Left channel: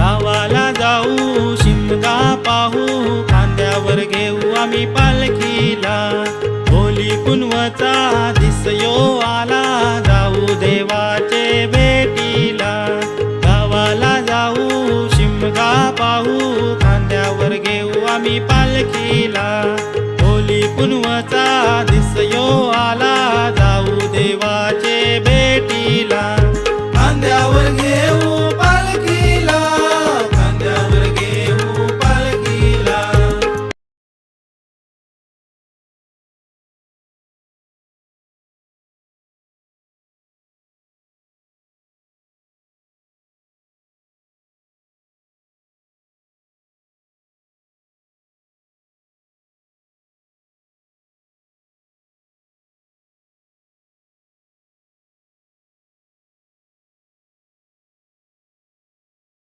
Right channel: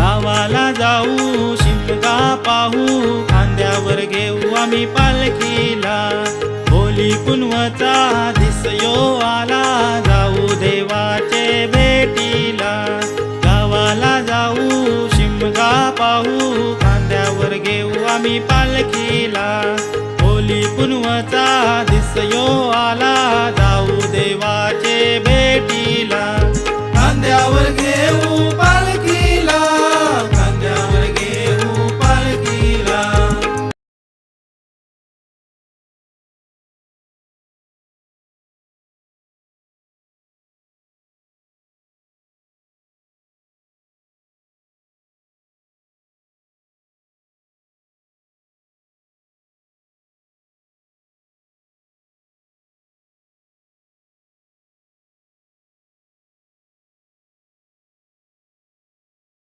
गावाला जाऊ शिमगा पाहू, खांद्यावर घेऊ आम्ही पालखीला. होली पुनवचा दिसयो आला, जाऊ देवाचे भेटीला. गावाला जाऊ शिमगा पाहू, खांद्यावर घेऊ आम्ही पालखीला. होली पुनवचा दिसयो आला, जाऊ देवाचे भेटीला. खांद्यावर घेऊ पालखीला,